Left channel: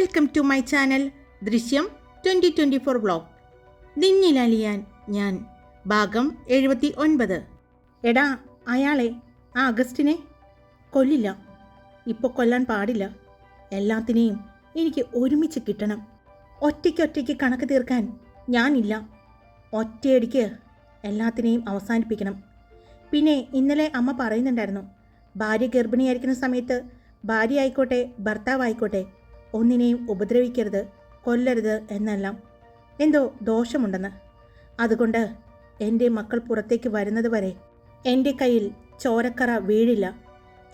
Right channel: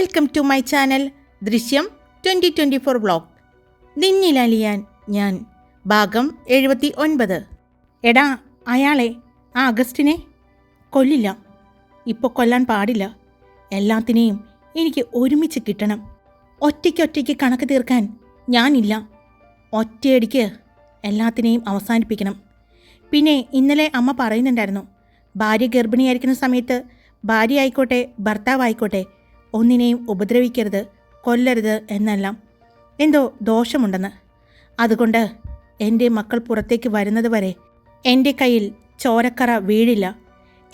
Welcome to my channel Drishyam twenty twenty four vlog നിന്നിലലിയാൻ ഞാൻ. ഭാഗം എഴുപത്തി ഒൻപത് എടാ അയാളെ ആ അഗസ്റ്റിനെ കൊല്ലില്ല. ഇപ്പോൾ കൊല്ലാൻ പാടില്ല. എല്ലാത്തിനെയും എനിക്ക് ഒരുമിച്ച് കിട്ടണം. ഒറ്റയ്ക്കൊറ്റയ്ക്ക് കണക്ക് തീർക്കാൻ ഞാനില്ല. ഒറ്റയടിക്ക് എല്ലാത്തിനെയും അവസാനിപ്പിക്കണം. പിന്നെ ഇന്നലെ അമ്മ പറയുന്നുണ്ടായിരുന്നു ഭാര്യ ഗർഭിണിയായിരിക്കുന്ന സമയത്ത് ഭാര്യ ആയിക്കോട്ടെ ഭർത്താവായിക്കോട്ടെ ഒന്നിനെയും ഉപദ്രവിക്കരുത് കൊല്ലരുത് എന്നെല്ലാം. എന്തോ ദോഷമുണ്ടെന്ന്. അതുകൊണ്ട് എന്റെ മക്കൾ പുറത്തേക്ക് വരുന്നത് വരെ എന്റെ കയ്യിൽ ചോരക്കറ വീഴില്ല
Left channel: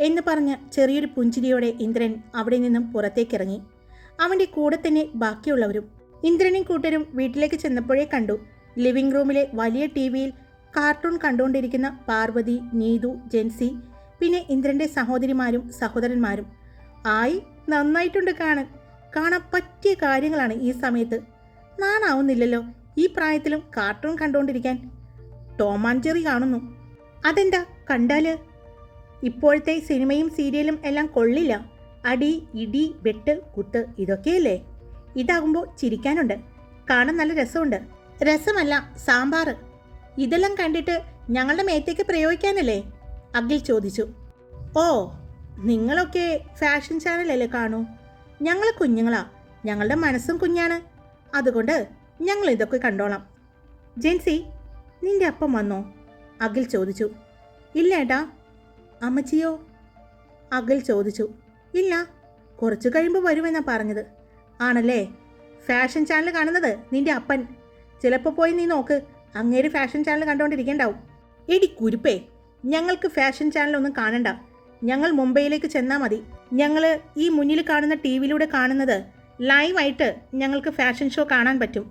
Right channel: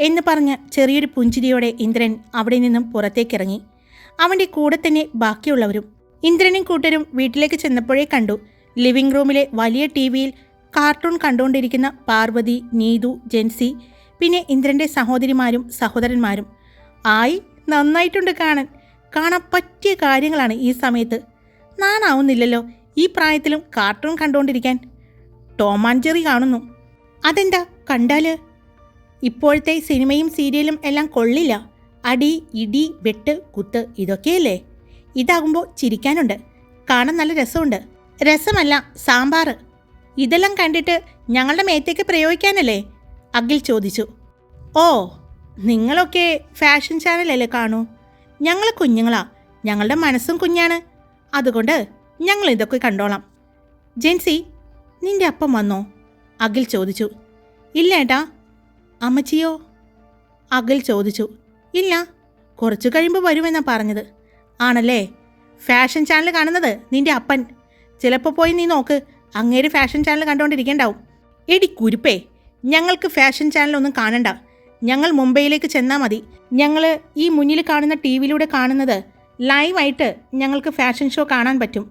എന്ന് പറഞ്ഞ് ചെറിയൊരു പുഞ്ചിരിയോടെ ഇന്ദ്രൻ അവിടെ നിന്നും പുറത്തേക്കിറങ്ങി. അവന്റെ കൂടെ തന്നെ ബാക്കിയുള്ളവരും ഇന്ദ്രനും കൂട്ടരും വീട്ടിലേക്ക് ചെന്നപ്പോഴേ കണ്ടു ലിവിംഗ് റൂമിലെ വലിയ ടി വിയിൽ കാർട്ടൂൺ കണ്ടുകൊണ്ടിരിക്കുന്ന പാർവതി നീതു ജെൻസി പിന്നെ ഇന്ദ്രന്റെ സഹോദരിമാരും സഹോദരന്മാരും. ആയി നന്നായിട്ടുണ്ട് കാണാൻ. കാണാൻ പറ്റിയ കാര്യങ്ങളാണ് ഈ സമയത്ത്. നാണാവുന്നില്ലല്ലോ ഈ പ്രായത്തിലും കാർട്ടൂൺ കണ്ടുകൊണ്ടിരിക്കാൻ ടോം ആൻഡ് ജെറി കാണുന്നു. അതെന്താ കണ്ടാൽ? ഇപ്പോഴത്തെ സിനിമയും സീരിയലും എല്ലാം കൊള്ളില്ല. അടി ഇടി വെട്ട് കുത്ത് ഇതൊക്കെയല്ലേ? ഇതാകുമ്പോൾ ചിരിക്കാനുണ്ട്. കാണാൻ നല്ല രസമുണ്ട്. രസമല്ല സാമ്പാർ ഇതെല്ലാം കണ്ടിട്ട് ഞങ്ങളുടെ മേത്തേക്ക് പ്രയോഗിക്കാനല്ലേ? അഖിൽ ചോദിച്ചു. ഓ നിങ്ങളൊക്കെ ഫാഷൻ ചാനലല്ലേ കാണൂ? ഞങ്ങൾ കുഞ്ഞുങ്ങളാ. ഞങ്ങളുടെ മനസ്സും കുഞ്ഞാണ്. അതുകൊണ്ട് ഞങ്ങൾ ഇതൊക്കെ കണ്ടോളാം. ജെൻസി നിന്റെ അപ്പം വന്നോ? അഖിൽ ചോദിച്ചു. ഇല്ല ഏട്ടാ. അമ്മച്ചിയോ? അഖിൽ ചോദിച്ചു. ഇല്ല കുറച്ചു കഴിയുമ്പോൾ വരുമെന്നാ പറഞ്ഞത്. ആണല്ലേ? ഫാഷൻ ചാനൽ കാണുന്നത് നിന്റെ അപ്പൻ. ചിലപ്പോൾ പോയി നീ നോക്ക് അങ്ങേര് ഫാഷൻ ചാനൽ കണ്ടുകൊണ്ടിരിക്കണ്ടാവും എടി കുരുപ്പേ ഞങ്ങൾക്ക് ഫാഷൻ ചാനലൊന്നും കാണണ്ട. ഞങ്ങൾ മുംബൈയിലേക്ക് ചെന്നാൽ മതി. ഞങ്ങൾ ഈ മുന്നിൽ കാണുന്ന ടി വിയിലൂടെ കാണുന്നത് ലൈവായിട്ട് ഞങ്ങൾക്ക് ഫാഷൻ ഷോ കാണാൻ പറ്റും.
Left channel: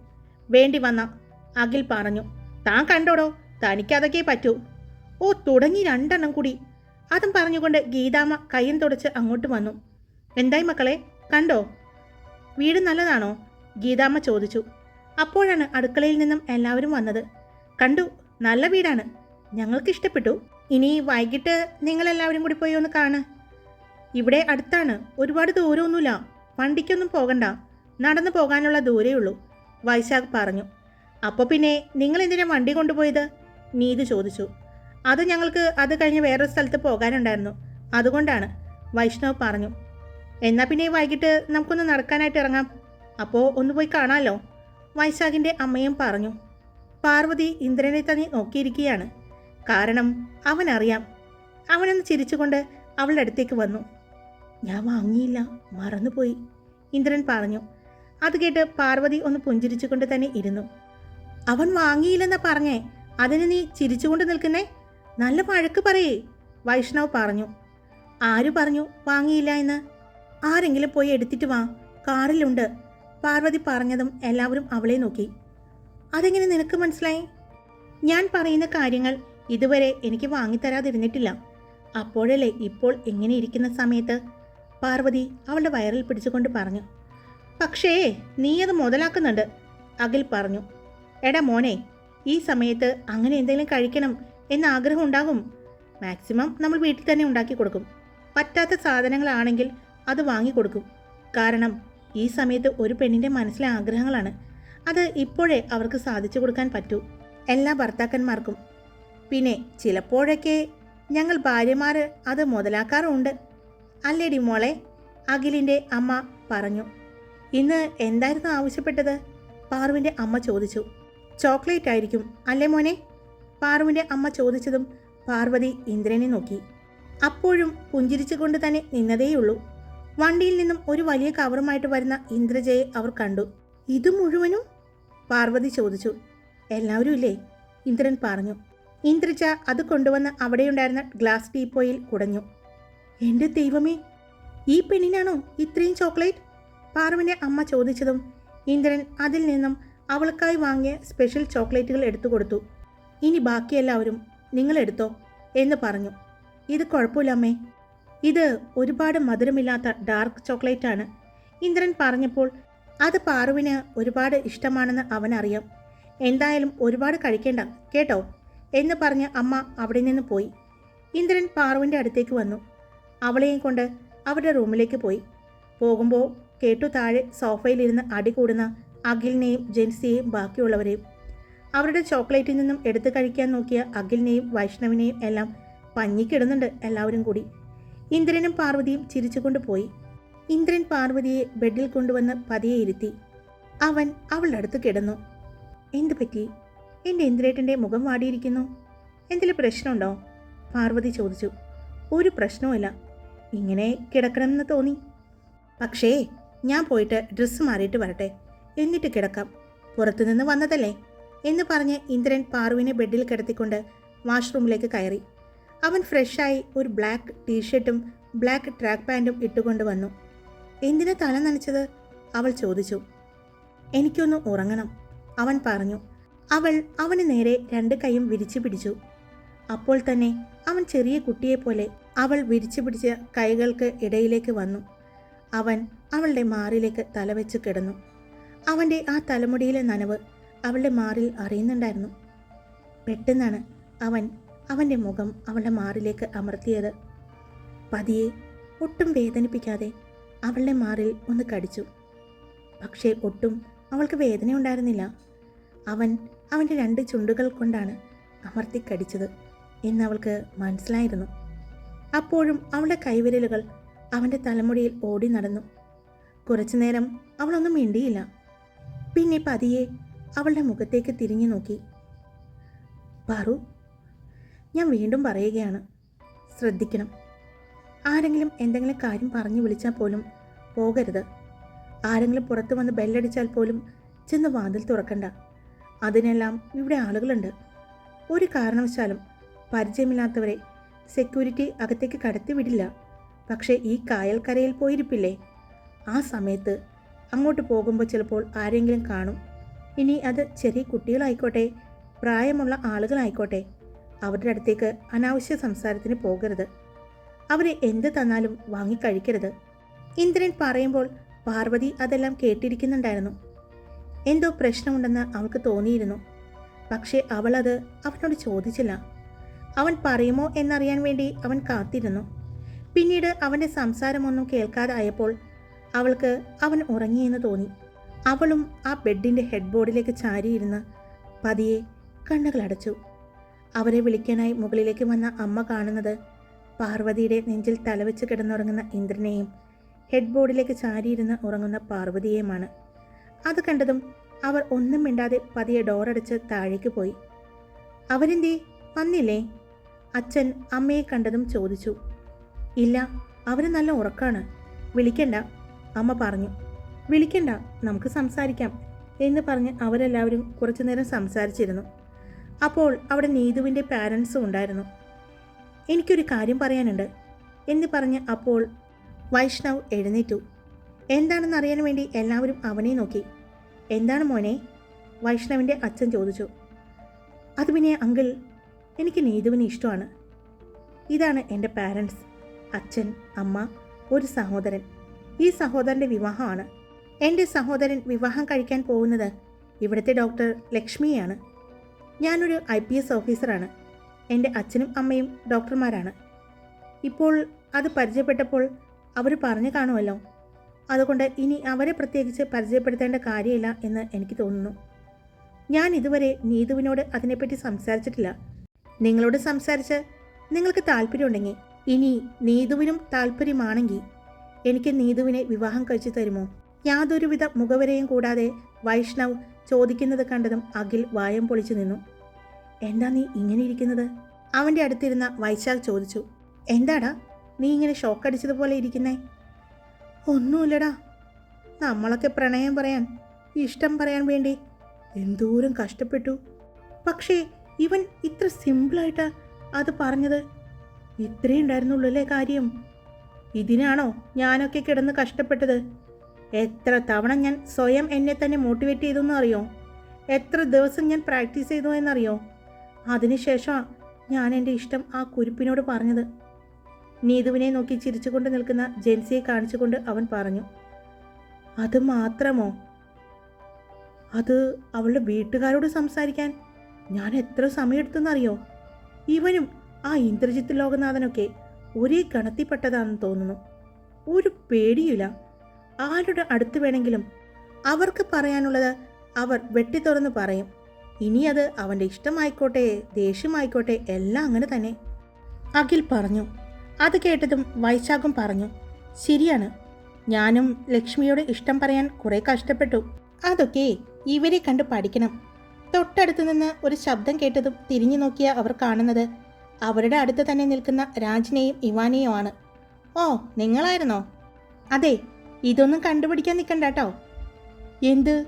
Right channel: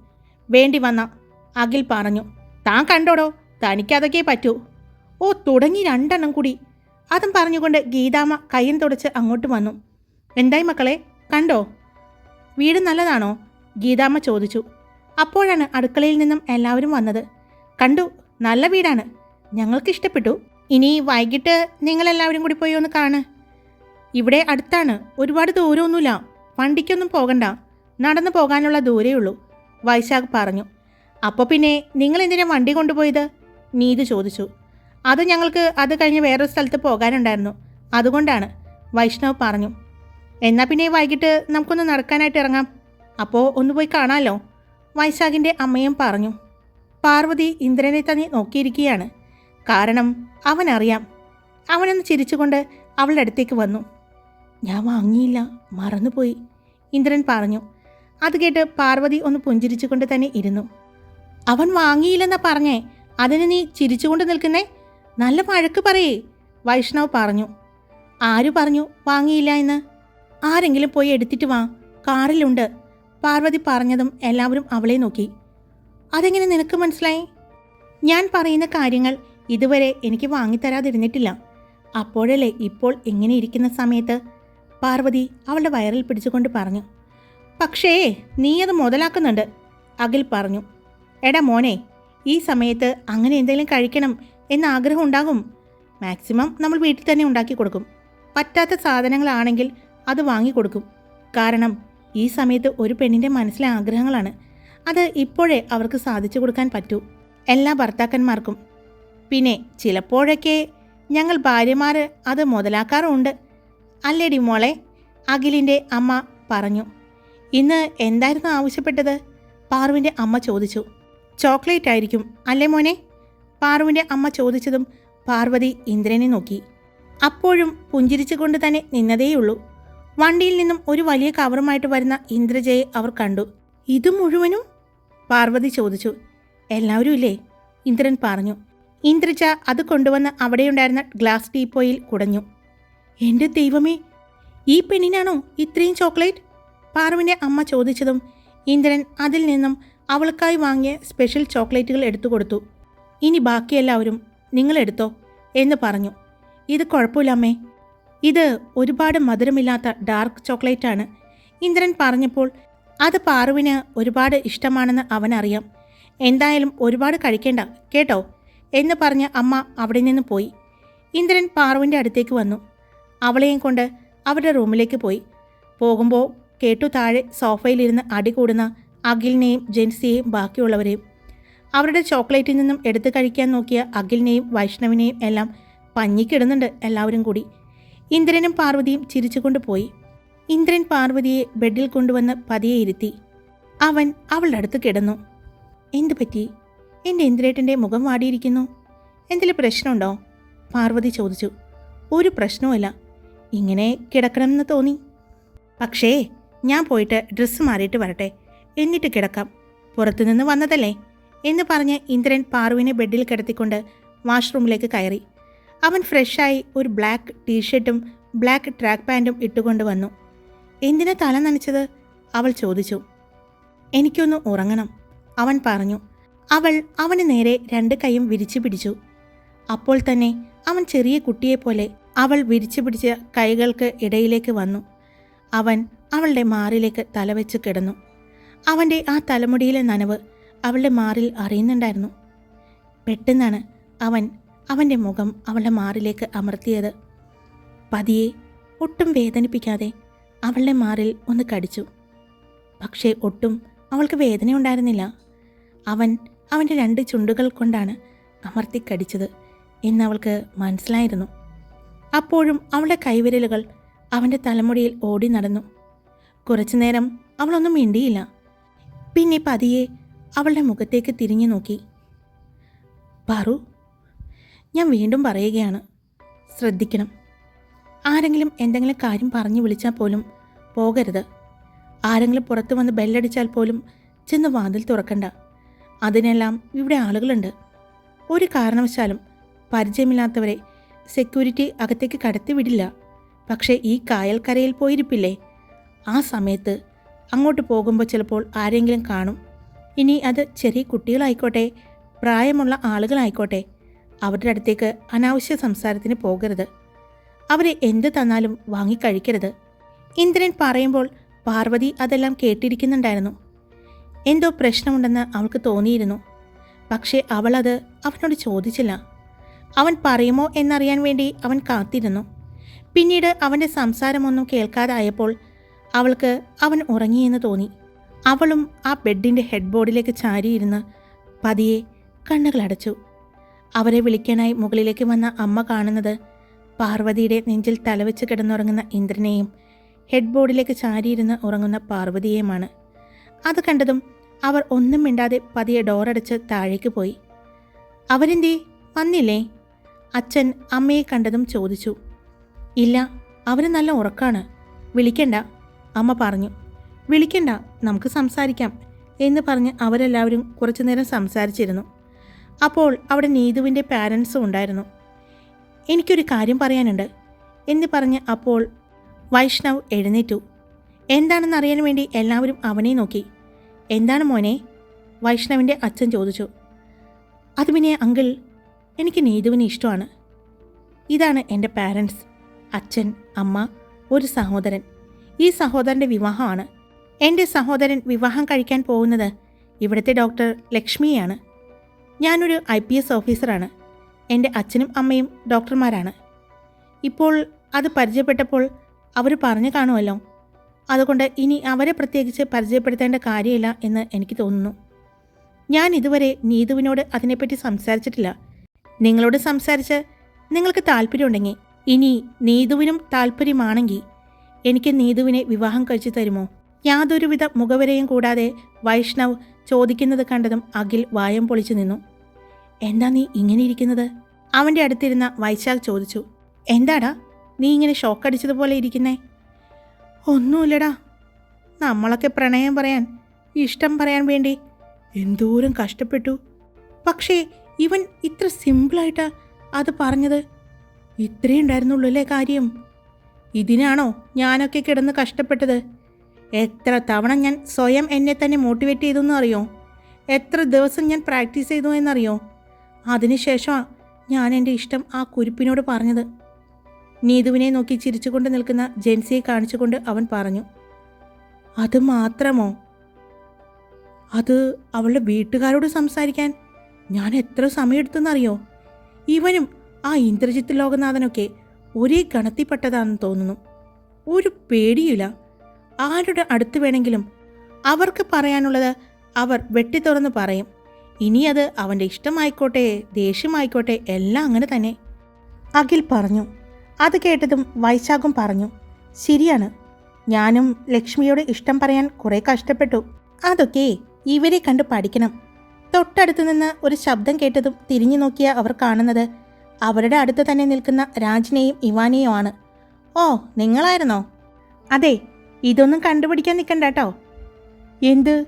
വേണ്ടി വന്ന അഖിൽ പറഞ്ഞു താൻ കണ്ടോടോ? തനിക്കതൊക്കെ പറ്റൂ. ഓ തുടങ്ങി രണ്ടെണ്ണം കൂടി. അതും പറഞ്ഞുകൊണ്ട് ഗീതാമ്മ കയ്യും തുടച്ച് അങ്ങോട്ട് വന്നു. എന്തായി മക്കളെ? കണ്ടോ? വീട് നല്ലതാണോ? ഗീതാമ്മ ചോദിച്ചു. അപ്പോഴാണ് അടുക്കളയിൽ നിന്നും എല്ലാവരും വന്നത്. കണ്ടു നല്ല വീടാണ്. ഞങ്ങൾക്ക് ഇഷ്ടപ്പെട്ടു ഇനി വൈകിട്ട് നിങ്ങളെല്ലാവരും കൂടി പോയി ഒന്ന് കാണ്. ഇവിടെ അടുത്താണ് ഒരുപാട് ദൂരമൊന്നുമില്ല. വണ്ടിക്കൊന്നും പോകണ്ട. നടന്നു പോകാനുള്ള ദൂരേ ഉള്ളൂ വൈശാഖ് പറഞ്ഞു. അപ്പോൾ പിന്നെ നിങ്ങൾ എന്തിനാ വണ്ടി കൊണ്ടുപോയത്? നീതു ചോദിച്ചു. അത് ഞങ്ങൾക്ക് അത് കഴിഞ്ഞ് വേറൊരു സ്ഥലത്ത് പോകാനുണ്ടായിരുന്നു. അതുകൊണ്ടാണ് വൈഷ്ണവ് പറഞ്ഞു. എന്നാൽ പിന്നെ വൈകിട്ട് നമുക്കൊന്ന് നടക്കാനായിട്ട് ഇറങ്ങാം. അപ്പോൾ ഒന്ന് പോയി കാണാമല്ലോ വൈശാഖിന്റെ അമ്മയും പറഞ്ഞു. പാർവതി ഇന്ദ്രനെ തന്നെ നോക്കിയിരിക്കുകയാണ്. കാരണം അവനറിയാം. അവനൊന്ന് ചിരിച്ചുകൊണ്ട് അവളുടെ അടുത്തേക്ക് വന്നു. ഞാൻ വാങ്ങിയില്ല. മറന്നുപോയി ഇന്ദ്രൻ പറഞ്ഞു. അത് കേട്ട് പാർവതി ഒന്ന് പുഞ്ചിരിച്ചുകൊണ്ട് തന്നെ ഇരുന്നു. അവൻ വാങ്ങിയില്ലെന്നാ പറഞ്ഞേ. അതിന് നീ ചിരിച്ചുകൊണ്ട് നിൽക്കുന്നേ. നല്ല വഴക്ക് പറയേ വൈഷ്ണവ് പറഞ്ഞു. ആര് പറഞ്ഞു വാങ്ങിയില്ല എന്ന്? ആരെങ്കിലും പോയി എടുത്തിട്ട് വാ. കാറിലുണ്ട്. പാർവതി പറഞ്ഞതും എല്ലാവരും അവളെ നോക്കി. അതെങ്ങനെ നിനക്ക് മനസ്സിലായി? ഞാൻ പറയുന്ന കാര്യങ്ങൾ ഇതുവരെ എനിക്ക് വാങ്ങിത്തരാതിരുന്നിട്ടില്ല. അപ്പോഴല്ലേ ഇപ്പോൾ ഇങ്ങനെ ഇരിക്കുന്ന സമയത്ത്? പാർവതി അവളുടെ വയറിൽ പിടിച്ചുകൊണ്ട് പറഞ്ഞു. പക്ഷേ നീ അത് മുതലാക്കുന്നുണ്ട്. അഖിൽ പറഞ്ഞു. എടാ മോനെ ഈ സമയത്ത് അങ്ങനെ എന്തെങ്കിലും കഴിക്കണം എന്ന ആഗ്രഹം ഉണ്ടാകും. മാക്സിമം നമ്മൾ വീട്ടിൽ തന്നെ ഉണ്ടാക്കി കൊടുക്കും. പറ്റാത്ത സാധനങ്ങളാണെങ്കിൽ അത് വാങ്ങിക്കൊടുക്കും കാരണം ഈ സമയത്ത് ഒരു പെണ്ണിന്റെ മനസ്സിലെ ആഗ്രഹങ്ങളാണ്. അത് ഇപ്പോഴേ അവർക്ക് സാധിച്ചു കൊടുക്കാൻ പറ്റൂ. എല്ലാ ഭർത്താക്കന്മാർക്കും. പിന്നെ ചിലപ്പോഴൊക്കെ ഞങ്ങൾ ഭാര്യമാർ അത് മുതലാക്കാറുണ്ട്. അല്ലേടി മോളെ? അഖിലിന്റെ അമ്മ പറഞ്ഞു. ഇന്ന് എന്തായിരുന്നു ആവശ്യപ്പെട്ടത്? പാറുവിന്റെ അമ്മ ചോദിച്ചു. ചോക്ലേറ്റ് ആയിരിക്കും അല്ലേ മോനെ? പാറുവിന്റെ അമ്മ ചോദിച്ചതും പാർവതി ഇന്ദ്രനെ നോക്കി. അപ്പോഴും പുഞ്ചിരിച്ചുകൊണ്ട് തന്നെ നിന്നതേയുള്ളൂ. വണ്ടിയിൽ നിന്നും ഒരു വലിയ കവറുമായിട്ട് വരുന്ന ഇന്ദ്രജയെ അവർ കണ്ടു. ഇത് മുഴുവനും? പാർവതി ചോദിച്ചു. എല്ലാവരും ഇല്ലേ? ഇന്ദ്രൻ പറഞ്ഞു. ഇന്ദ്രജ അത് കൊണ്ടുവന്ന് അവിടെയുണ്ടായിരുന്ന ഗ്ലാസ് ടീപ്പോയിൽ കുടഞ്ഞു. എന്റെ ദൈവമേ ഈ പെണ്ണിനാണോ ഇത്രയും ചോക്ലേറ്റ്? പാറുവിന്റെ അമ്മ ചോദിച്ചതും ഇന്ദ്രൻ അതിൽ നിന്നും അവൾക്കായി വാങ്ങിയ സ്പെഷ്യൽ ചോക്ലേറ്റുകൾ എടുത്തു കൊടുത്തു. ഇനി ബാക്കിയെല്ലാവരും നിങ്ങളെടുത്തോ എന്ന് പറഞ്ഞു. ഇത് കുഴപ്പമില്ല അമ്മേ. ഇത് ഒരുപാട് മധുരമില്ലാത്ത ഡാർക്ക് ചോക്ലേറ്റ് ആണ്. ഇന്ദ്രൻ പറഞ്ഞപ്പോൾ അത് പാറുവിന് ഒരുപാട് ഇഷ്ടമാണെന്ന് അവനറിയാം. എന്തായാലും ഒരുപാട് കഴിക്കേണ്ട കേട്ടോ? എന്ന് പറഞ്ഞ് അമ്മ അവിടെ നിന്ന് പോയി. ഇന്ദ്രൻ പാറുവിന്റെ അടുത്തേക്ക് വന്നു. അവളെയും കൊണ്ട് അവരുടെ റൂമിലേക്ക് പോയി. പോകുമ്പോൾ കേട്ടു താഴെ സോഫയിലിരുന്ന് അടി കൂടുന്ന അഖിലിനെയും ജെൻസിയെയും ബാക്കിയുള്ളവരെയും. അവരുടെ ചോക്ലേറ്റിൽ നിന്നും എടുത്തു കഴിക്കാൻ നോക്കിയ അഖിലിനെയും വൈഷ്ണവിനെയും എല്ലാം പഞ്ഞിക്കിടുന്നുണ്ട് എല്ലാവരും കൂടി. ഇന്ദ്രനും പാർവതിയും ചിരിച്ചുകൊണ്ട് പോയി. ഇന്ദ്രൻ പാർവതിയെ ബെഡിൽ കൊണ്ടുവന്ന് പതിയെ ഇരുത്തി. അവൻ അവളുടെ അടുത്ത് കിടന്നു. എന്തു പറ്റി? എന്റെ ഇന്ദ്രേട്ടന്റെ മുഖം വാടിയിരിക്കുന്നു. എന്തെങ്കിലും പ്രശ്നമുണ്ടോ? പാർവതി ചോദിച്ചു. ഒരു പ്രശ്നവുമില്ല. ഇങ്ങനെ കിടക്കണമെന്ന് തോന്നി. പക്ഷേ ഞാൻ പോയിട്ട് ഡ്രസ്സ് മാറിയിട്ട് വരട്ടെ. എന്നിട്ട് കിടക്കാം. പുറത്തുനിന്ന് വന്നതല്ലേ? എന്ന് പറഞ്ഞ് ഇന്ദ്രൻ പാറുവിനെ ബെഡിൽ കിടത്തിക്കൊണ്ട് വാഷ്റൂമിലേക്ക് കയറി. അവൻ ഫ്രഷായി ഒരു ബ്ലാക്ക് ടീഷർട്ടും ബ്ലാക്ക് ട്രാക്ക് പാന്റും ഇട്ടുകൊണ്ട് വന്നു. എന്തിനാ തല നനച്ചത്? അവൾ ചോദിച്ചു. എനിക്കൊന്ന് ഉറങ്ങണം. അവൻ പറഞ്ഞു. അവൾ അവന് നേരെ രണ്ട് കൈയും വിരിച്ചു പിടിച്ചു. അപ്പോൾ തന്നെ അവൻ ചെറിയ കുട്ടിയെപ്പോലെ അവൾ വിരിച്ചു പിടിച്ച കൈകൾക്ക് ഇടയിലേക്ക് വന്നു. അവൻ അവളുടെ മാറിലേക്ക് തലവെച്ച് കിടന്നു. അവന്റെ ആ തലമുടിയിലെ നനവ് അവളുടെ മാറിൽ അറിയുന്നുണ്ടായിരുന്നു. പെട്ടെന്നാണ് അവൻ അവന്റെ മുഖം അവളുടെ മാറിലേക്ക് അമർത്തിയത്. പതിയെ ഒട്ടും വേദനിപ്പിക്കാതെ അവളുടെ മാറിൽ ഒന്ന് കടിച്ചു. പക്ഷേ ഒട്ടും അവൾക്ക് വേദന ഉണ്ടായിരുന്നില്ല അവൻ അവന്റെ രണ്ട് ചുണ്ടുകൾ കൊണ്ടാണ് അമർത്തി കടിച്ചത് എന്ന് അവൾക്ക് മനസ്സിലായിരുന്നു. അപ്പോഴും അവളുടെ കൈവിരലുകൾ അവന്റെ തലമുടിയിൽ ഓടി നടന്നു. കുറച്ചു നേരം അവളൊന്നും മിണ്ടിയില്ല. പിന്നെ പതിയെ അവളുടെ മുഖത്തേക്ക് തിരിഞ്ഞു നോക്കി. പറു ഞാൻ വീണ്ടും പറയുകയാണ്. ശ്രദ്ധിക്കണം. ആരെങ്കിലും എന്തെങ്കിലും കാര്യം പറഞ്ഞു വിളിച്ചാൽ പോലും പോകരുത്. ആരെങ്കിലും പുറത്തു വന്ന് ബെല്ലടിച്ചാൽ പോലും ചെന്ന് വാതിൽ തുറക്കണ്ട. അതിനെല്ലാം ഇവിടെ ആളുകളുണ്ട്. ഒരു കാരണവശാലും പരിചയമില്ലാത്തവരെ സെക്യൂരിറ്റി അകത്തേക്ക് കടത്തി വിടില്ല. പക്ഷേ ഈ കായൽക്കരയിൽ പോയിരിപ്പില്ലേ? ആ സമയത്ത് അങ്ങോട്ട് പോകുമ്പോൾ ചിലപ്പോൾ ആരെങ്കിലും കാണും. ഇനി അത് ചെറിയ കുട്ടികളായിക്കോട്ടെ പ്രായമുള്ള ആളുകളായിക്കോട്ടെ അവരുടെ അടുത്തേക്ക് അനാവശ്യ സംസാരത്തിന് പോകരുത്. അവരെ എന്ത് തന്നാലും വാങ്ങിക്കഴിക്കരുത്. ഇന്ദ്രൻ പറയുമ്പോൾ പാർവതി അതെല്ലാം കേട്ടിരിക്കുന്നുണ്ടായിരുന്നു. എന്തോ പ്രശ്നമുണ്ടെന്ന് അവൾക്ക് തോന്നിയിരുന്നു. പക്ഷേ അവളത് അവനോട് ചോദിച്ചില്ല. അവൻ പറയുമോ എന്നറിയാൻ വേണ്ടി അവൻ കാത്തിരുന്നു. പിന്നീട് അവന്റെ സംസാരമൊന്നും കേൾക്കാതായപ്പോൾ അവൾക്ക് അവൻ ഉറങ്ങിയെന്ന് തോന്നി. അവളും ആ ബെഡിന്റെ ഹെഡ് ബോർഡിലേക്ക് ചാരിയിരുന്ന് പതിയെ കണ്ണുകളടച്ചു അവരെ വിളിക്കാനായി മുകളിലേക്ക് വന്ന അമ്മ കാണുന്നത് പാർവതിയുടെ നെഞ്ചിൽ തലവെച്ച് കിടന്നുറങ്ങുന്ന ഇന്ദ്രനെയും ഹെഡ് ബോർഡിലേക്ക് ചാരിയിരുന്ന് ഉറങ്ങുന്ന പാർവതിയെയുമാണ്. അത് കണ്ടതും അവർ ഒന്നും മിണ്ടാതെ പതിയെ ഡോറടച്ച് താഴേക്ക് പോയി. അവരെന്തേ? വന്നില്ലേ? അച്ഛൻ അമ്മയെ കണ്ടതും ചോദിച്ചു. ഇല്ല അവന് നല്ല ഉറക്കാണ്. വിളിക്കണ്ട അമ്മ പറഞ്ഞു. വിളിക്കണ്ട നമുക്ക് സംസാരിക്കാം എന്ന് പറഞ്ഞ് അവരെല്ലാവരും കുറച്ചു നേരം സംസാരിച്ചിരുന്നു. അപ്പോൾ അവിടെ നീതുവിന്റെ പാരൻസും ഉണ്ടായിരുന്നു. എനിക്കൊരു കാര്യം പറയാനുണ്ട് എന്ന് പറഞ്ഞ് അപ്പോൾ വൈഷ്ണവ് എഴുന്നേറ്റു. എന്താണെന്ന് അറിയാൻ വേണ്ടി എല്ലാവരും അവനെ നോക്കി. എന്താണ് മോനെ? വൈഷ്ണവിന്റെ അച്ഛൻ ചോദിച്ചു. അത് പിന്നെ അങ്കിൾ എനിക്ക് നീതുവിനെ ഇഷ്ടമാണ്. ഇതാണ് എന്റെ പാരൻസ് അച്ഛൻ അമ്മ ഒരു സഹോദരൻ. ഈ സഹോദരന്റെ വിവാഹമാണ്. എന്റെ സഹോദരൻ വിവാഹം കഴിക്കാൻ പോകുന്നത് ഇവിടുത്തെ ഡോക്ടർ ലക്ഷ്മിയാണ്. ഞാനൊരു ഐ പി എസ് ഓഫീസറാണ് എന്റെ അച്ഛനും അമ്മയും ഡോക്ടർമാരാണ് ഇപ്പോൾ അത് പരിചയപ്പെട്ടപ്പോൾ അവർ പറഞ്ഞു കാണുമല്ലോ. അതുകൊണ്ട് ഇനി അവരെ പ്രത്യേകിച്ച് പരിചയപ്പെടുത്തേണ്ട കാര്യമില്ല എന്ന് എനിക്ക് തോന്നുന്നു. ഞാൻ ഇതുവരെ നീതുവിനോട് അതിനെപ്പറ്റി സംസാരിച്ചിട്ടില്ല. നിങ്ങളോട് സംസാരിച്ച് നിങ്ങൾക്ക് താല്പര്യമുണ്ടെങ്കിൽ ഇനി നീതുവിനും താല്പര്യമാണെങ്കിൽ എനിക്ക് നീതുവിനെ വിവാഹം കഴിച്ചു തരുമോ? യാതൊരുവിധ മുഖവരെയും കൂടാതെ വൈഷ്ണവ് ചോദിക്കുന്നത് കണ്ടതും അഖിൽ വായം പൊളിച്ചു നിന്നു. എന്താ നീ ഇങ്ങനെ ഇരിക്കുന്നത്? അവന്റെ അടുത്തിരുന്ന വൈശാഖ് ചോദിച്ചു. എന്താടാ നീ ഇങ്ങനെ ഷോക്കടിച്ചതുപോലെ ഇരിക്കുന്നേ? ഒന്നുമില്ലടാ. നമ്മളൊക്കെ പ്രണയം പറയാൻ ഇഷ്ടം പറയാൻ വേണ്ടി എന്തോരം കഷ്ടപ്പെട്ടു. പക്ഷേ ഇവൻ ഇത്ര സിമ്പിളായിട്ട് അത് പറഞ്ഞത്. ഇത്രേ ഉണ്ടായിരുന്നുള്ളൂ അല്ലേ കാര്യം? ഇതിനാണോ ഞാനൊക്കെ കിടന്ന് കഷ്ടപ്പെട്ടത്? എത്ര തവണ ഞാൻ സ്വയം എന്നെ തന്നെ മോട്ടിവേറ്റ് ചെയ്തു എന്നറിയോ എത്ര ദിവസം ഞാൻ പ്രാക്ടീസ് ചെയ്തു എന്നറിയോ? അതിനുശേഷമാണ് ഞാൻ എന്റെ ഇഷ്ടം ആ കുരിപ്പിനോട് പറഞ്ഞത്. നീതുവിനെ നോക്കി ചിരിച്ചുകൊണ്ട് നിൽക്കുന്ന ജെയിംസിയെ കാണിച്ചുകൊണ്ട് അവൻ പറഞ്ഞു അത് മാത്രമോ? അത് അവളുടെ വീട്ടുകാരോട് സംസാരിക്കാൻ ഞാൻ എത്ര സമയമെടുത്തെന്നറിയോ ഇവനും ആ ഇന്ദ്രജിത്ത് ലോകനാഥനൊക്കെ ഒരേ ഗണത്തിൽപ്പെട്ടതാണെന്ന് തോന്നുന്നു. ഒരു പേടിയില്ല ആരുടെ അടുത്ത് വേണമെങ്കിലും അവർക്ക് പറയാനുള്ളത് അവർ വെട്ടി തുറന്ന് പറയും. ഇനി അത് അവന്റെ ഇഷ്ടമായിക്കോട്ടെ ദേഷ്യമായിക്കോട്ടെ എല്ലാം അങ്ങനെ തന്നെ. അഖിൽ പറഞ്ഞു അത് കേട്ടതും വൈശാഖും പറഞ്ഞു ശരിയാണ്. ഞാനും ലക്ഷ്മിയോട് ഇഷ്ടം പറയാൻ കുറേ കഷ്ടപ്പെട്ടു. അതൊക്കെ ഇവരെ കണ്ട് പഠിക്കണം. തൊട്ടടുത്തു നിന്ന് ഒരു ശബ്ദം കേട്ടതും തിരിഞ്ഞു നോക്കിയ അവർ കാണുന്നത് അവരുടെ അടുത്ത് തന്നെ നിൽക്കുന്ന രാജിനെയും ഇവാനെയുമാണ് ഓ നിങ്ങളായിരുന്നോ? അതെ ഇതൊന്നും കണ്ടുപിടിക്കാൻ നിൽക്കണ്ട എന്ത്?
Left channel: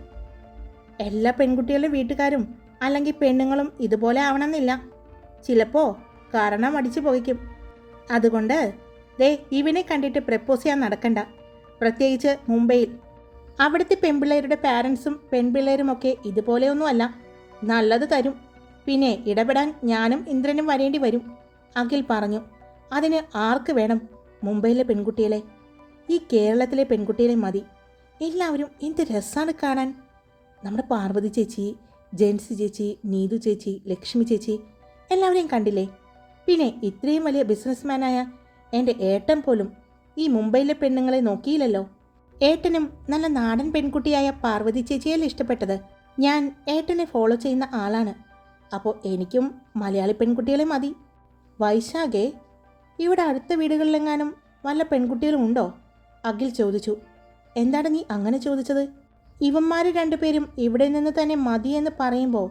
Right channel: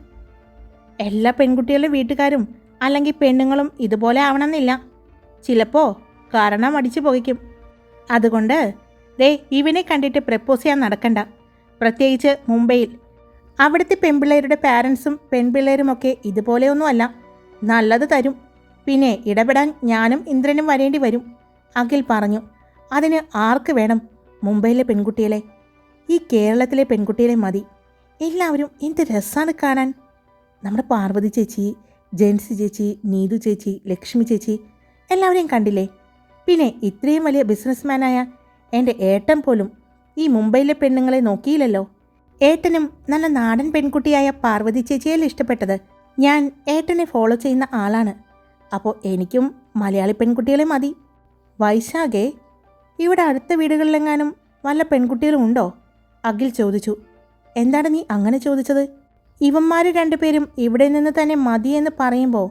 എല്ലാ പെൺകുട്ടികളുടെ വീട്ടുകാരും അല്ലെങ്കിൽ പെണ്ണുങ്ങളും ഇതുപോലെ ആവണമെന്നില്ല. ചിലപ്പോൾ കാരണം അടിച്ചു പോയിക്കും അതുകൊണ്ട് ദേ ഇവനെ കണ്ടിട്ട് പ്രപ്പോസ് ചെയ്യാൻ നടക്കണ്ട. പ്രത്യേകിച്ച് മുംബൈയിൽ. അവിടുത്തെ പെൺപിള്ളേരുടെ പാരൻസും പെൺപിള്ളേരുമൊക്കെ ഇതുപോലെയൊന്നുമല്ല. നല്ലത് തരും. പിന്നെ ഇടപെടാൻ ഞാനും ഇന്ദ്രനും വരേണ്ടി വരും. അഖിൽ പറഞ്ഞു അതിന് ആർക്ക് വേണം മുംബൈയിലെ പെൺകുട്ടികളെ? ഈ കേരളത്തിലെ പെൺകുട്ടികളെ മതി. എല്ലാവരും എന്ത് രസമാണ് കാണാൻ. നമ്മുടെ പാർവതി ചേച്ചി ജെൻസി ചേച്ചി നീതു ചേച്ചി ലക്ഷ്മി ചേച്ചി എല്ലാവരെയും കണ്ടില്ലേ? പിന്നെ ഇത്രയും വലിയ ബിസിനസ്മാനായ എന്റെ ഏട്ടൻ പോലും ഈ മുംബൈയിലെ പെണ്ണുങ്ങളെ നോക്കിയില്ലല്ലോ. ഏട്ടനും നല്ല നാടൻ പെൺകുട്ടിയായ പാർവതി ചേച്ചിയല്ലേ ഇഷ്ടപ്പെട്ടത്. ഞാൻ ഏട്ടനെ ഫോളോ ചെയ്യുന്ന ആളാണ്. അപ്പോൾ എനിക്കും മലയാളി പെൺകുട്ടികളെ മതി. വൈശാഖേ ഇവിടെ അടുത്ത വീടുകളിലെങ്ങാനും വല്ല പെൺകുട്ടികളും ഉണ്ടോ? അഖിൽ ചോദിച്ചു. എന്താണ് നീ അങ്ങനെ ചോദിച്ചത്? ഇവന്മാർ രണ്ടുപേരും ഇവിടെ നിന്ന് തന്നെ മതിയെന്ന് പറയുമ്പോൾ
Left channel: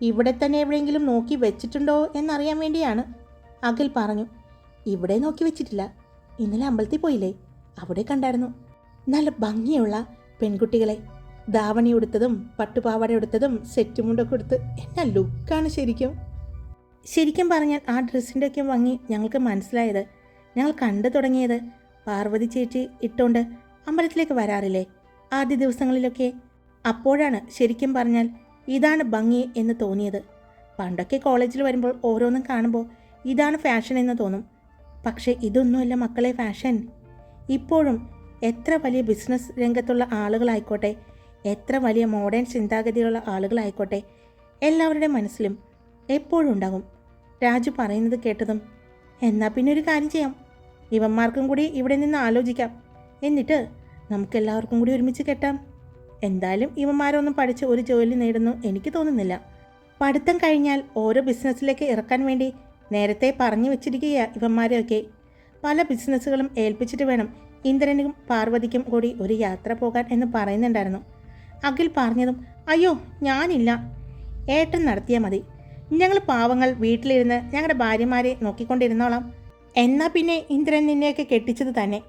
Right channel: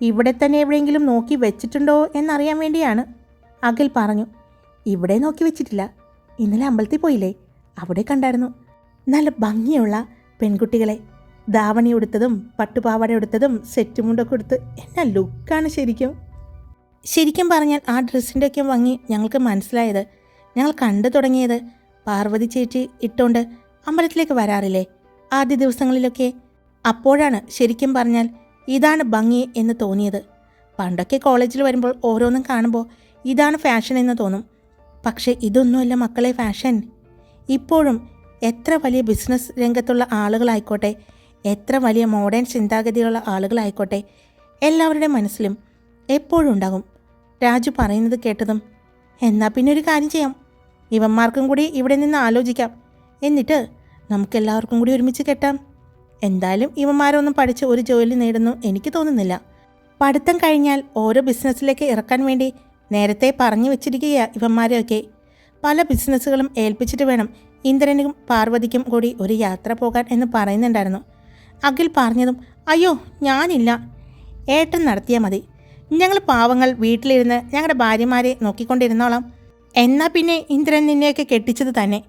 ഇവിടെ തന്നെ എവിടെയെങ്കിലും നോക്കി വെച്ചിട്ടുണ്ടോ എന്നറിയാൻ വേണ്ടിയാണ്. അഖിൽ പറഞ്ഞു ഇവിടെ നോക്കി വെച്ചിട്ടില്ല. ഇന്നലെ അമ്പലത്തിൽ പോയില്ലേ? അവിടെ കണ്ടായിരുന്നു. നല്ല ഭംഗിയുള്ള പെൺകുട്ടികളെ. ധാവണി ഉടുത്തതും പട്ടുപാവാട ഉടുത്തതും സെറ്റ് മുണ്ടൊക്കെ എടുത്ത് എന്നാ ലുക്കാണ് ശരിക്കും? ശരിക്കും പറഞ്ഞാൽ ആ ഡ്രസ്സിന്റെ ഒക്കെ ഭംഗി ഞങ്ങൾക്ക് മനസ്സിലായത്. ഞങ്ങൾ കണ്ടു തുടങ്ങിയത് പാർവതി ചേച്ചി ഇട്ടുകൊണ്ട് അമ്പലത്തിലേക്ക് വരാറില്ലേ? ആദ്യ ദിവസങ്ങളിലൊക്കെ. അപ്പോഴാണ് ശരിക്കും പറഞ്ഞാൽ ഇതാണ് ഭംഗി എന്ന് തോന്നിയത്. പണ്ടൊക്കെ കോളേജിൽ വരുമ്പോൾ ഓരോന്നും കാണുമ്പോൾ ഇതാണ് ഫാഷൻ എന്ന് തോന്നും. പക്ഷേ ഇതൊന്നുമല്ല മക്കളെ ഫാഷൻ. ഇപ്പോഴും എത്ര വലിയ ബിസിനസ് രംഗത്തുള്ള ആളുകളായിക്കോട്ടെ എത്ര വലിയ മോഡേൺ ചിന്താഗതിയുള്ള ആളുകളായിക്കോട്ടെ എല്ലാവരുടെ മനസ്സിലും എപ്പോഴും ഉണ്ടാകും. രാജു പറയുന്നത് കേട്ടതും എന്നാൽ പിന്നെ ഒരു കാര്യം ചെയ്യാം. ഇവന്മാർക്കും കൂടി ഇവിടെ നിന്ന് ആലോചിക്കാം. എന്നിട്ട് നമുക്കെല്ലാവർക്കും കൂടി ഒരുമിച്ച് കെട്ടാം. എന്തായാലും ഇവന്മാരൊന്നും പഠിച്ച് ഒരു ജോലി നേടുന്നു എനിക്ക് തോന്നുന്നില്ല. പഠിത്തം കഴിഞ്ഞാൽ ഓരോ ബിസിനസ്സിലേക്ക് ഇറക്കാൻ വേണ്ടി നേരത്തെ പറഞ്ഞു വെച്ചിരിക്കുകയാണ് ഇവന്മാരെയൊക്കെ. പല ബിസിനസ്സുകളും ഏൽപ്പിച്ചിട്ട് വേണം ഇന്ദ്രനും പാർവതിക്കും കൂടി ഒരു യാത്ര പോകാൻ എന്ന് പറയുന്നുണ്ടായിരുന്നു. അഖിൽ പറഞ്ഞതും അയ്യോ ഞാനില്ല. ഏട്ടൻ നടത്തിയാൽ മതി. ഞങ്ങൾ പാവങ്ങൾ വീട്ടിലിരുന്ന് ഞങ്ങളുടെ ഭാര്യമാരെ നോക്കിക്കൊണ്ടിരുന്നോളാം. എന്നാൽ പിന്നെ ഇന്ദ്രൻ നിന്നെയൊക്കെ കെട്ടിച്ചത് തന്നെ.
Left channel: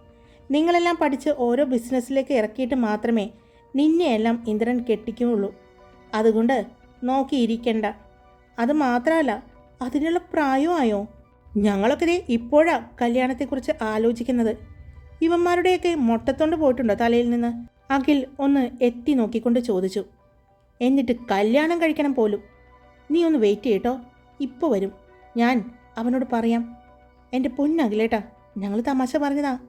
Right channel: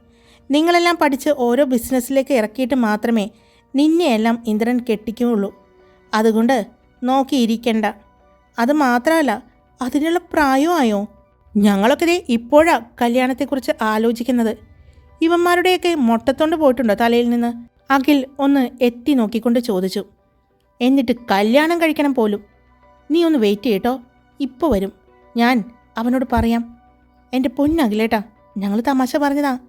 നിങ്ങളെല്ലാം പഠിച്ച് ഓരോ ബിസിനസ്സിലേക്ക് ഇറക്കിയിട്ട് മാത്രമേ നിന്നെയെല്ലാം ഇന്ദ്രൻ കെട്ടിക്കുകയുള്ളൂ അതുകൊണ്ട് നോക്കിയിരിക്കണ്ട. അത് മാത്രമല്ല അതിനുള്ള പ്രായമായോ ഞങ്ങളൊക്കെ ദേ ഇപ്പോഴാ കല്യാണത്തെക്കുറിച്ച് ആലോചിക്കുന്നത്. ഇവന്മാരുടെയൊക്കെ മൊട്ടത്തോണ്ട് പോയിട്ടുണ്ടോ തലയിൽ നിന്ന്? അഖിൽ ഒന്ന് എത്തി നോക്കിക്കൊണ്ട് ചോദിച്ചു. എന്നിട്ട് കല്യാണം കഴിക്കണം പോലും. നീ ഒന്ന് വെയിറ്റ് ചെയ്യട്ടോ. ഇപ്പോൾ വരും. ഞാൻ അവനോട് പറയാം. എന്റെ പൊന്നഖിലേട്ടാ ഞങ്ങൾ തമാശ പറഞ്ഞതാ.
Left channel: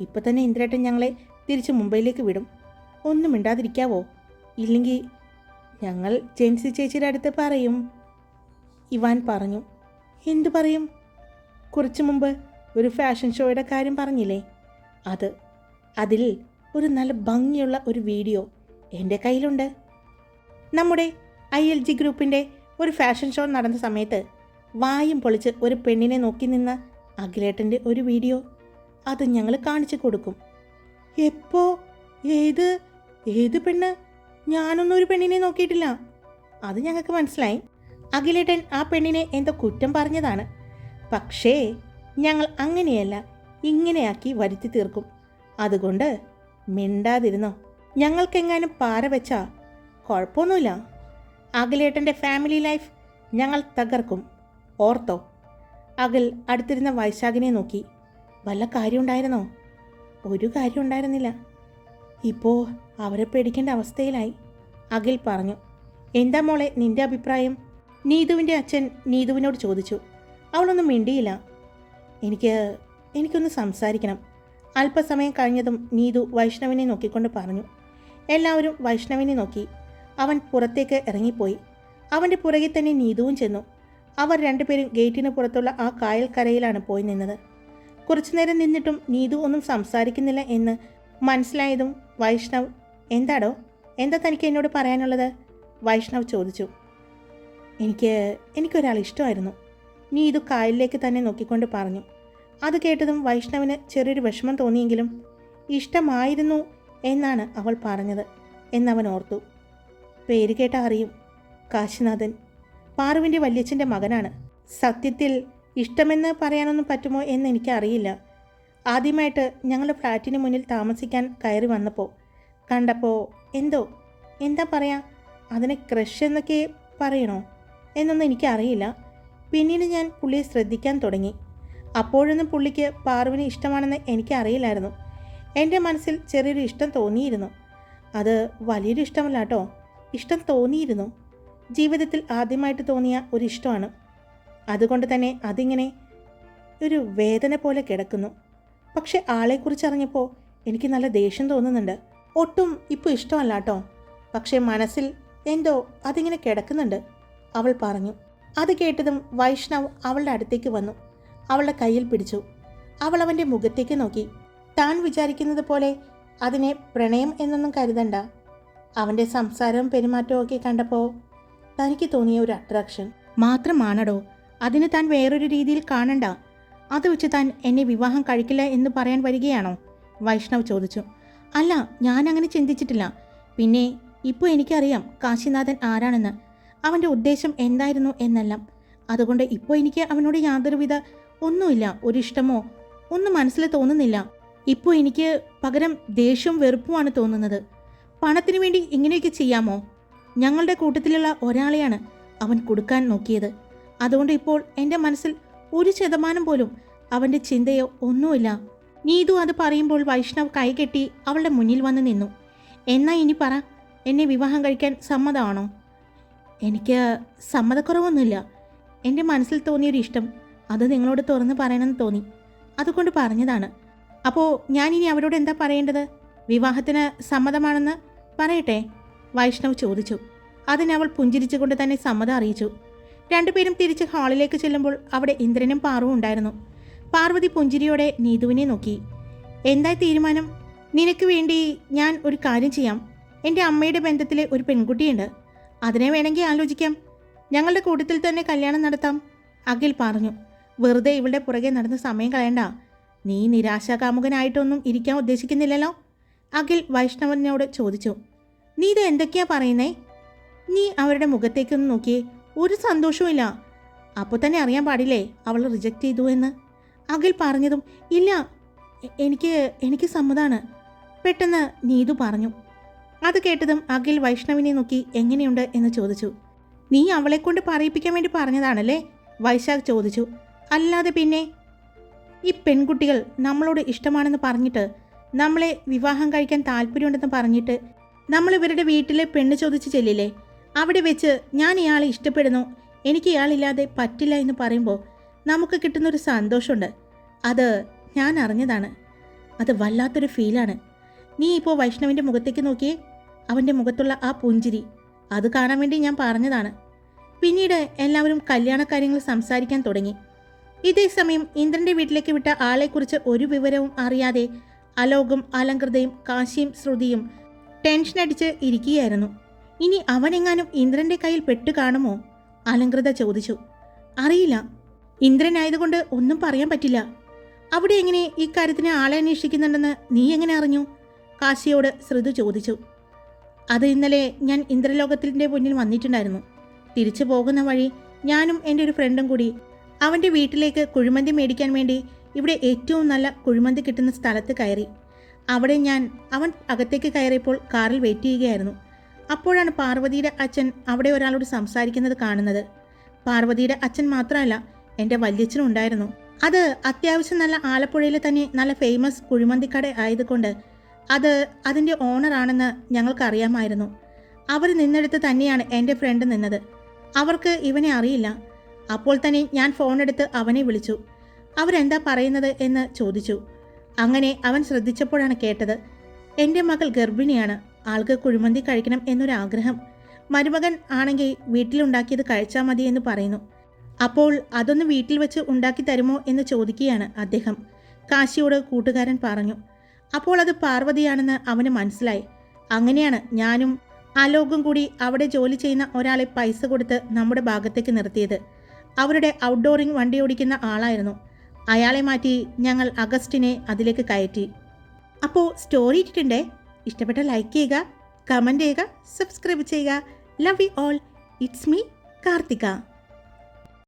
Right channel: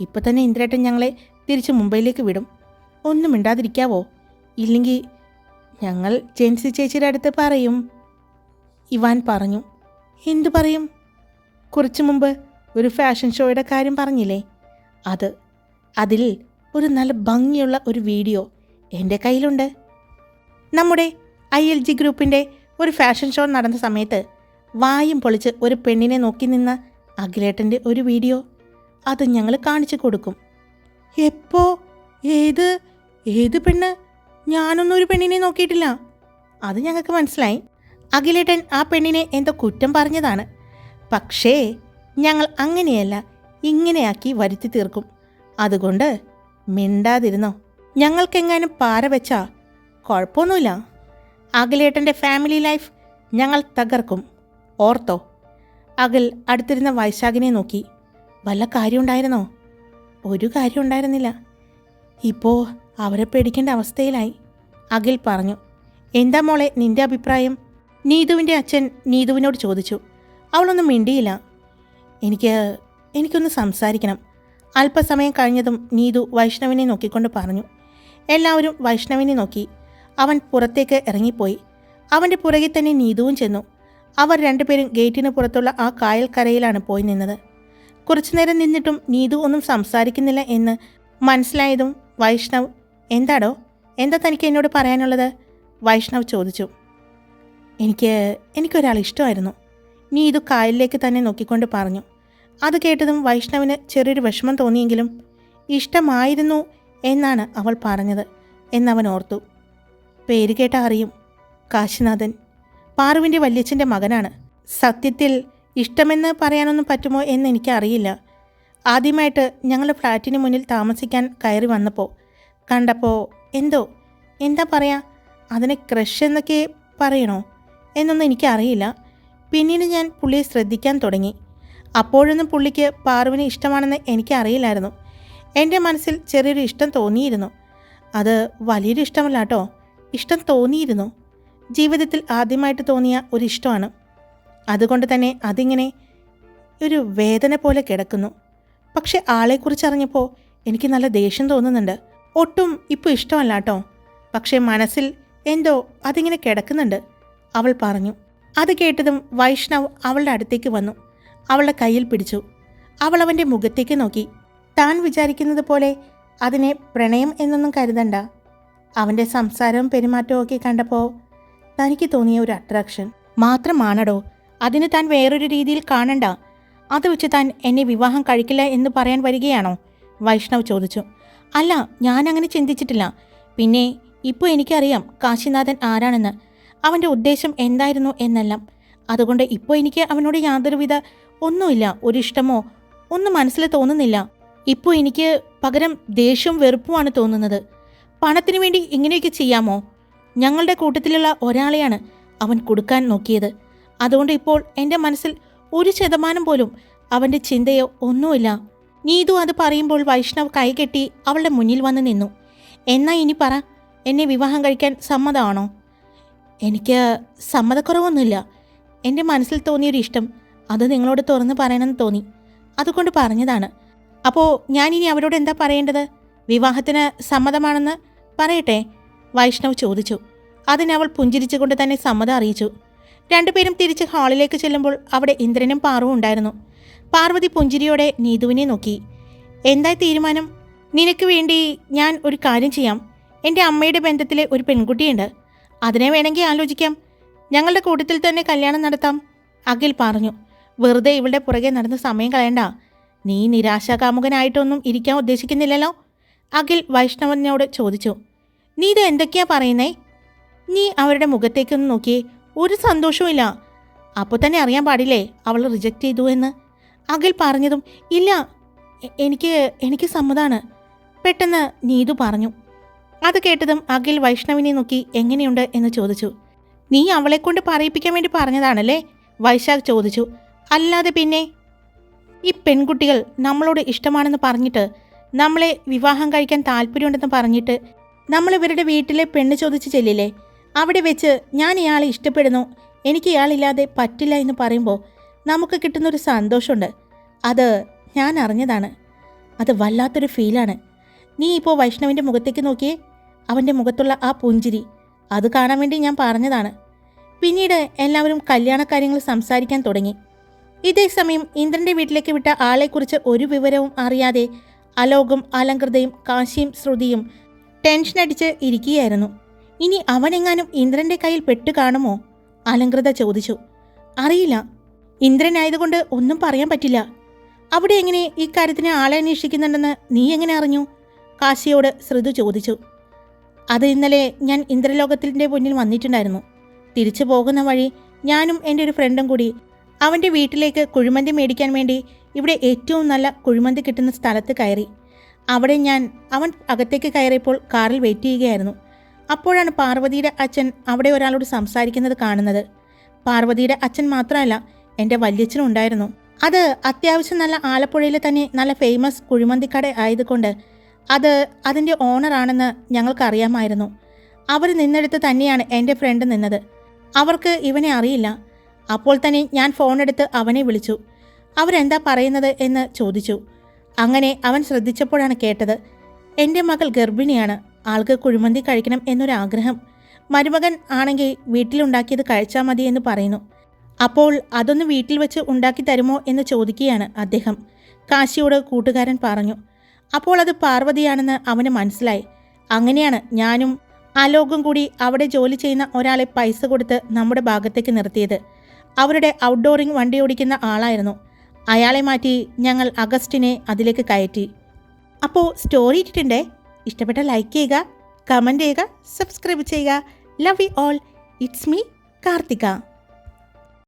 ഇപ്പം തന്നെ ഇന്ദ്രേട്ടൻ ഞങ്ങളെ തിരിച്ച് മുംബൈയിലേക്ക് വിടും. ഒന്നും മിണ്ടാതിരിക്കാവോ? ഇല്ലെങ്കിൽ ഞങ്ങൾ ജെൻസി ചേച്ചിയുടെ അടുത്ത് പറയും. ഇവാൻ പറഞ്ഞു. എന്തു പറയും? കുറച്ചു മുമ്പ് ഒരു ഫാഷൻ ഷോയുടെ കാര്യം പറഞ്ഞില്ലേ? അത് അതിൽ ഒരു നല്ല ഭംഗിയുള്ള ഒരു വീഡിയോ എന്റെ കയ്യിലുണ്ട്. നമ്മുടെ ഐ എൽ ജി ഗ്രൂപ്പിന്റെ ഒരു ഫാഷൻ ഷോ നടന്ന സമയത്ത് വായും പൊളിച്ച് ഒരു പെണ്ണിനെ നോക്കി നിന്ന അഖിലേട്ടന്റെ ഒരു വീഡിയോ. അത് ഞങ്ങൾ കാണിച്ചു കൊടുക്കും. എപ്പോ? ഏത്? ഏത് പെണ്ണ്? ഞാനൊന്നും ഒരു പെണ്ണിനെ നോക്കിയിട്ടില്ല. അത് ഞങ്ങൾക്ക് മനസ്സിലായി. അഖിലേട്ടൻ ആ പെണ്ണിനെ എന്തോ കുറ്റം പറഞ്ഞതാണ്. പക്ഷേ ഞങ്ങൾ അങ്ങനെയല്ല ഇങ്ങനെയാക്കി വരുത്തി തീർക്കും. അതുകൊണ്ട് മിണ്ടാതിരുന്നോ? ഞങ്ങൾക്കെങ്ങാനും പാര വെച്ചാ? കുഴപ്പമൊന്നുമില്ല. അഖിലേട്ടന്റെ ഫാമിലി ലൈഫ് ഞങ്ങൾ തകർക്കും. ഓർത്തോ? അഖിൽ അടുത്തിരുന്ന വൈശാഖിനെ നോക്കി. വല്ല കാര്യമുണ്ടായിരുന്നോ? ഒരു കാര്യം ഉണ്ടായിരുന്നില്ല ഇപ്പോൾ അവരെ പേടിക്കേണ്ട അവസ്ഥയിലായി. അഖിൽ പറഞ്ഞു എന്താ മോളെ നിന്റെ അഭിപ്രായം? നീതുവിന്റെ അച്ഛൻ നീതുവിനോട് ചോദിച്ചു അവളൊന്നും മിണ്ടിയില്ല. എനിക്ക് എനിക്കൊന്ന് സംസാരിക്കണം. അല്പസമയം കഴിഞ്ഞതും നീതു വൈഷ്ണവിനെ നോക്കിക്കൊണ്ട് പറഞ്ഞു. എല്ലാവരും വൈഷ്ണവിനെ നോക്കി. അവൻ പുറത്തേക്ക് ഇറങ്ങിപ്പോയി. അവന്റെ പുറകെ തന്നെ നീതുവും ചെന്നു. അവർ രണ്ടുപേരും ഗേറ്റിന് പുറത്തുള്ള ആ കായൽക്കരയിലാണ് പോയി നിന്നത്. കുറച്ചുനേരം നിന്നിട്ടും നീതു ഒന്നും സംസാരിക്കുന്നില്ല എന്ന് മനസ്സിലായതും വൈഷ്ണവ് എന്താടോ? എന്താ തനിക്ക് എന്നോട് പറയാനുള്ളത്? വൈഷ്ണവ് ചോദിച്ചു. എനിക്ക് എനിക്കൊരാൾ ഇഷ്ടമായിരുന്നു. നീ ഇത് കായലിലേക്ക് തന്നെ നോക്കിക്കൊണ്ട് പറഞ്ഞു. അത് കേട്ടതും വൈഷ്ണവിന് ചെറിയൊരു വിഷമം തോന്നിയെങ്കിലും ഇഷ്ടമായിരുന്നു എന്നാണ് അവൾ പറഞ്ഞത് എന്നവൻ ഓർത്തു. പേര് കേട്ട അറിയും. കാശിനാഥൻ. പാറുവിന്റെ വല്യച്ഛന്റെ മകനാണ്. സത്യത്തിൽ ഇഷ്ടമെന്ന് പറയാനൊന്നും പറ്റുമോ എന്ന് എനിക്കറിയില്ല. ആദ്യമായിട്ട് ഞങ്ങളുടെ ഫ്ലാറ്റിന് മുന്നിൽ താമസിക്കാൻ കയറി വന്നപ്പോൾ കണ്ടപ്പോൾ എന്തോ എന്താ പറയാ? അതിനെ ക്രഷ് എന്നൊക്കെ പറയണോ? എന്നൊന്നും എനിക്കറിയില്ല. പിന്നീട് ഞാൻ പുള്ളിയെ ശ്രദ്ധിക്കാൻ തുടങ്ങി. അപ്പോഴൊന്നും പുള്ളിക്ക് പാർവിന് ഇഷ്ടമാണെന്ന് എനിക്കറിയില്ലായിരുന്നു. എന്റെ മനസ്സിൽ ചെറിയൊരു ഇഷ്ടം തോന്നിയിരുന്നു. അത് വലിയൊരു ഇഷ്ടമല്ല കേട്ടോ. ഇഷ്ടം തോന്നിയിരുന്നു. ജീവിതത്തിൽ ആദ്യമായിട്ട് തോന്നിയ ഒരു ഇഷ്ടമാണ്. അതുകൊണ്ട് തന്നെ അതിങ്ങനെ ഒരു വേദന പോലെ കിടക്കുന്നു. പക്ഷെ ആളെക്കുറിച്ച് അറിഞ്ഞപ്പോൾ എനിക്ക് നല്ല ദേഷ്യം തോന്നുന്നുണ്ട്. ഒട്ടും ഇപ്പോൾ ഇഷ്ടമല്ല കേട്ടോ. പക്ഷേ മനസ്സിൽ എന്തോ അതിങ്ങനെ കിടക്കുന്നുണ്ട്. അവൾ പറഞ്ഞു. അത് കേട്ടതും വൈഷ്ണവ് അവളുടെ അടുത്തേക്ക് വന്നു. അവളുടെ കയ്യിൽ പിടിച്ചു. അവൾ അവന്റെ മുഖത്തേക്ക് നോക്കി. താൻ വിചാരിക്കുന്നത് പോലെ അതിനെ പ്രണയം എന്നൊന്നും കരുതണ്ട. അവന്റെ സംസാരവും പെരുമാറ്റവും ഒക്കെ കണ്ടപ്പോൾ തനിക്ക് തോന്നിയ ഒരു അട്രാക്ഷൻ മാത്രമാണടോ അതിന് താൻ വേറൊരു രീതിയിൽ കാണണ്ട. അത് വെച്ച് താൻ എന്നെ വിവാഹം കഴിക്കില്ല എന്ന് പറയാൻ വരികയാണോ? വൈഷ്ണവ് ചോദിച്ചു. അല്ല ഞാൻ അങ്ങനെ ചിന്തിച്ചിട്ടില്ല. പിന്നെ ഇപ്പോൾ എനിക്കറിയാം കാശിനാഥൻ ആരാണെന്ന്. അവന്റെ ഉദ്ദേശം എന്തായിരുന്നു എന്നെല്ലാം. അതുകൊണ്ട് ഇപ്പോൾ എനിക്ക് അവനോട് യാതൊരുവിധ ഒന്നുമില്ല ഒരു ഇഷ്ടമോ ഒന്നും മനസ്സിൽ തോന്നുന്നില്ല. ഇപ്പോൾ എനിക്ക് പകരം ദേഷ്യവും വെറുപ്പുമാണ് തോന്നുന്നത്. പണത്തിന് വേണ്ടി ഇങ്ങനെയൊക്കെ ചെയ്യാമോ? ഞങ്ങളുടെ കൂട്ടത്തിലുള്ള ഒരാളെയാണ് അവൻ കൊടുക്കാൻ നോക്കിയത്. അതുകൊണ്ട് ഇപ്പോൾ എന്റെ മനസ്സിൽ ഒരു ശതമാനം പോലും അവന്റെ ചിന്തയോ ഒന്നുമില്ല. നീതു അത് പറയുമ്പോൾ വൈഷ്ണവ് കൈകെട്ടി അവളുടെ മുന്നിൽ വന്ന് നിന്നു. എന്നാ ഇനി പറ എന്നെ വിവാഹം കഴിക്കാൻ സമ്മതമാണോ? എനിക്ക് സമ്മതക്കുറവൊന്നുമില്ല. എന്റെ മനസ്സിൽ തോന്നിയൊരു ഇഷ്ടം അത് നിങ്ങളോട് തുറന്ന് പറയണമെന്ന് തോന്നി. അതുകൊണ്ട് പറഞ്ഞതാണ്. അപ്പോൾ ഞാനിനി അവരോട് എന്താ പറയേണ്ടത്? വിവാഹത്തിന് സമ്മതമാണെന്ന് പറയട്ടെ? വൈഷ്ണവ് ചോദിച്ചു. അതിനവൾ പുഞ്ചിരിച്ചുകൊണ്ട് തന്നെ സമ്മതം അറിയിച്ചു. രണ്ടുപേരും തിരിച്ച് ഹാളിലേക്ക് ചെല്ലുമ്പോൾ അവിടെ ഇന്ദ്രനും പാർവും ഉണ്ടായിരുന്നു. പാർവതി പുഞ്ചിരിയോടെ നീതുവിനെ നോക്കി. എന്തായി തീരുമാനം? നിനക്ക് വേണ്ടി ഞാൻ ഒരു കാര്യം ചെയ്യാം. എന്റെ അമ്മയുടെ ബന്ധത്തിലെ ഒരു പെൺകുട്ടിയുണ്ട്. അതിനെ വേണമെങ്കിൽ ആലോചിക്കാം. ഞങ്ങളുടെ കൂട്ടത്തിൽ തന്നെ കല്യാണം നടത്താം. അഖിൽ പറഞ്ഞു. വെറുതെ ഇവളുടെ പുറകെ നടന്ന് സമയം കളയണ്ട. നീ നിരാശാകാമുകനായിട്ടൊന്നും ഇരിക്കാൻ ഉദ്ദേശിക്കുന്നില്ലല്ലോ? അഖിൽ വൈഷ്ണവനോട് ചോദിച്ചു. നീ ഇത് എന്തൊക്കെയാ പറയുന്നേ? നീ അവരുടെ മുഖത്തേക്കൊന്ന് നോക്കിയേ. ഒരു സന്തോഷവും അപ്പോൾ തന്നെ അറിയാൻ പാടില്ലേ അവൾ റിജക്റ്റ് ചെയ്തു എന്ന്? അഖിൽ പറഞ്ഞതും ഇല്ല എനിക്ക് എനിക്ക് സമ്മതാണ്. പെട്ടെന്ന് നീതു പറഞ്ഞു. അത് കേട്ടതും അഖിൽ വൈഷ്ണവിനെ നോക്കി എങ്ങനെയുണ്ട്? എന്ന് ചോദിച്ചു. നീ അവളെ കൊണ്ട് പറയിപ്പിക്കാൻ വേണ്ടി പറഞ്ഞതാണല്ലേ? വൈശാഖ് ചോദിച്ചു. അല്ലാതെ പിന്നെ? ഈ പെൺകുട്ടികൾ നമ്മളോട് ഇഷ്ടമാണെന്ന് പറഞ്ഞിട്ട് നമ്മളെ വിവാഹം കഴിക്കാൻ താല്പര്യമുണ്ടെന്ന് പറഞ്ഞിട്ട് നമ്മൾ ഇവരുടെ വീട്ടിലെ പെണ്ണ് ചോദിച്ച് ചെല്ലില്ലേ? അവിടെ വെച്ച് ഞാൻ ഇയാളെ ഇഷ്ടപ്പെടുന്നു. എനിക്ക് ഇയാളില്ലാതെ പറ്റില്ല എന്ന് പറയുമ്പോൾ നമുക്ക് കിട്ടുന്നൊരു സന്തോഷമുണ്ട്. അത് ഞാൻ അറിഞ്ഞതാണ്. അത് വല്ലാത്തൊരു ഫീലാണ്. നീ ഇപ്പോൾ വൈഷ്ണവിന്റെ മുഖത്തേക്ക് നോക്കിയേ. അവന്റെ മുഖത്തുള്ള ആ പുഞ്ചിരി. അത് കാണാൻ വേണ്ടി ഞാൻ പറഞ്ഞതാണ്. പിന്നീട് എല്ലാവരും കല്യാണ കാര്യങ്ങൾ സംസാരിക്കാൻ തുടങ്ങി. ഇതേ സമയം ഇന്ദ്രന്റെ വീട്ടിലേക്ക് വിട്ട ആളെക്കുറിച്ച് ഒരു വിവരവും അറിയാതെ അലോകും അലങ്കൃതയും കാശിയും ശ്രുതിയും ടെൻഷനടിച്ച് ഇരിക്കുകയായിരുന്നു. ഇനി അവനെങ്ങാനും ഇന്ദ്രന്റെ കയ്യിൽ പെട്ടു കാണുമോ? അലങ്കൃത ചോദിച്ചു. അറിയില്ല. ഇന്ദ്രനായതുകൊണ്ട് ഒന്നും പറയാൻ പറ്റില്ല. അവിടെ എങ്ങനെ ഇക്കാര്യത്തിന് കാര്യത്തിന് ആളെ അന്വേഷിക്കുന്നുണ്ടെന്ന് നീ എങ്ങനെ അറിഞ്ഞു? കാശിയോട് ശ്രുതു ചോദിച്ചു. അത് ഇന്നലെ ഞാൻ ഇന്ദ്രലോകത്തിന്റെ മുന്നിൽ വന്നിട്ടുണ്ടായിരുന്നു. തിരിച്ചു പോകുന്ന വഴി ഞാനും എന്റെ ഒരു ഫ്രണ്ടും കൂടി അവന്റെ വീട്ടിലേക്ക് കുഴിമന്തി മേടിക്കാൻ വേണ്ടി ഇവിടെ ഏറ്റവും നല്ല കുഴിമന്തി കിട്ടുന്ന സ്ഥലത്ത് കയറി. അവിടെ ഞാൻ അവൻ അകത്തേക്ക് കയറിയപ്പോൾ കാറിൽ വെയിറ്റ് ചെയ്യുകയായിരുന്നു. അപ്പോഴാണ് പാർവതിയുടെ അച്ഛൻ അവിടെ ഒരാളോട് സംസാരിക്കുന്നത് കാണുന്നത്. പാർവതിയുടെ അച്ഛൻ മാത്രമല്ല എന്റെ വല്യച്ഛനും ഉണ്ടായിരുന്നു. അത് അത്യാവശ്യം നല്ല ആലപ്പുഴയിലെ തന്നെ നല്ല ഫേമസ് കുഴിമന്തിക്കട ആയതുകൊണ്ട് അത് അതിന്റെ ഓണറാണെന്ന് ഞങ്ങൾക്കറിയാമായിരുന്നു. അവർ നിന്നെടുത്ത് തന്നെയാണ് എന്റെ ഫ്രണ്ട് നിന്നത്. അവർക്ക് ഇവനെ അറിയില്ല. അപ്പോൾ തന്നെ ഞാൻ ഫോണെടുത്ത് അവനെ വിളിച്ചു. അവരെന്താ പറയുന്നത് എന്ന് ചോദിച്ചു. അങ്ങനെ അവൻ ശ്രദ്ധിച്ചപ്പോഴാണ് കേട്ടത് എന്റെ മകൾ ഗർഭിണിയാണ്. ആൾക്ക് കുഴിമന്തി കഴിക്കണം എന്നൊരാഗ്രഹം. മരുമകൻ ആണെങ്കിൽ വീട്ടിലുണ്ടാക്കിയത് കഴിച്ചാൽ മതി എന്ന് പറയുന്നു. അപ്പോൾ അതൊന്ന് വീട്ടിൽ വെച്ച് ഉണ്ടാക്കി തരുമോ എന്ന് ചോദിക്കുകയാണ് അദ്ദേഹം. കാശിയോട് കൂട്ടുകാരൻ പറഞ്ഞു അപ്പോൾ അത് പാർവതിയാണെന്ന് അവന് മനസ്സിലായി. അങ്ങനെയാണ് ഞാനും അലോകും കൂടി അവിടെ ജോലി ചെയ്യുന്ന ഒരാളെ പൈസ കൊടുത്ത് നമ്മുടെ ഭാഗത്തേക്ക് നിർത്തിയത്. അവരുടെ ഔട്ട്ഡോറിംഗ് വണ്ടി ഓടിക്കുന്ന ആളായിരുന്നു. അയാളെ മാറ്റി ഞങ്ങൾ അഗസ്റ്റിനെ അതിലേക്ക് കയറ്റി. അപ്പോൾ സ്റ്റോറി ഇട്ടിട്ടുണ്ടേ? ഇഷ്ടപ്പെട്ട ലൈക്ക് ചെയ്യുക കമന്റ് ചെയ്യുക സബ്സ്ക്രൈബ് ചെയ്യുക. Love you all it's me Karthika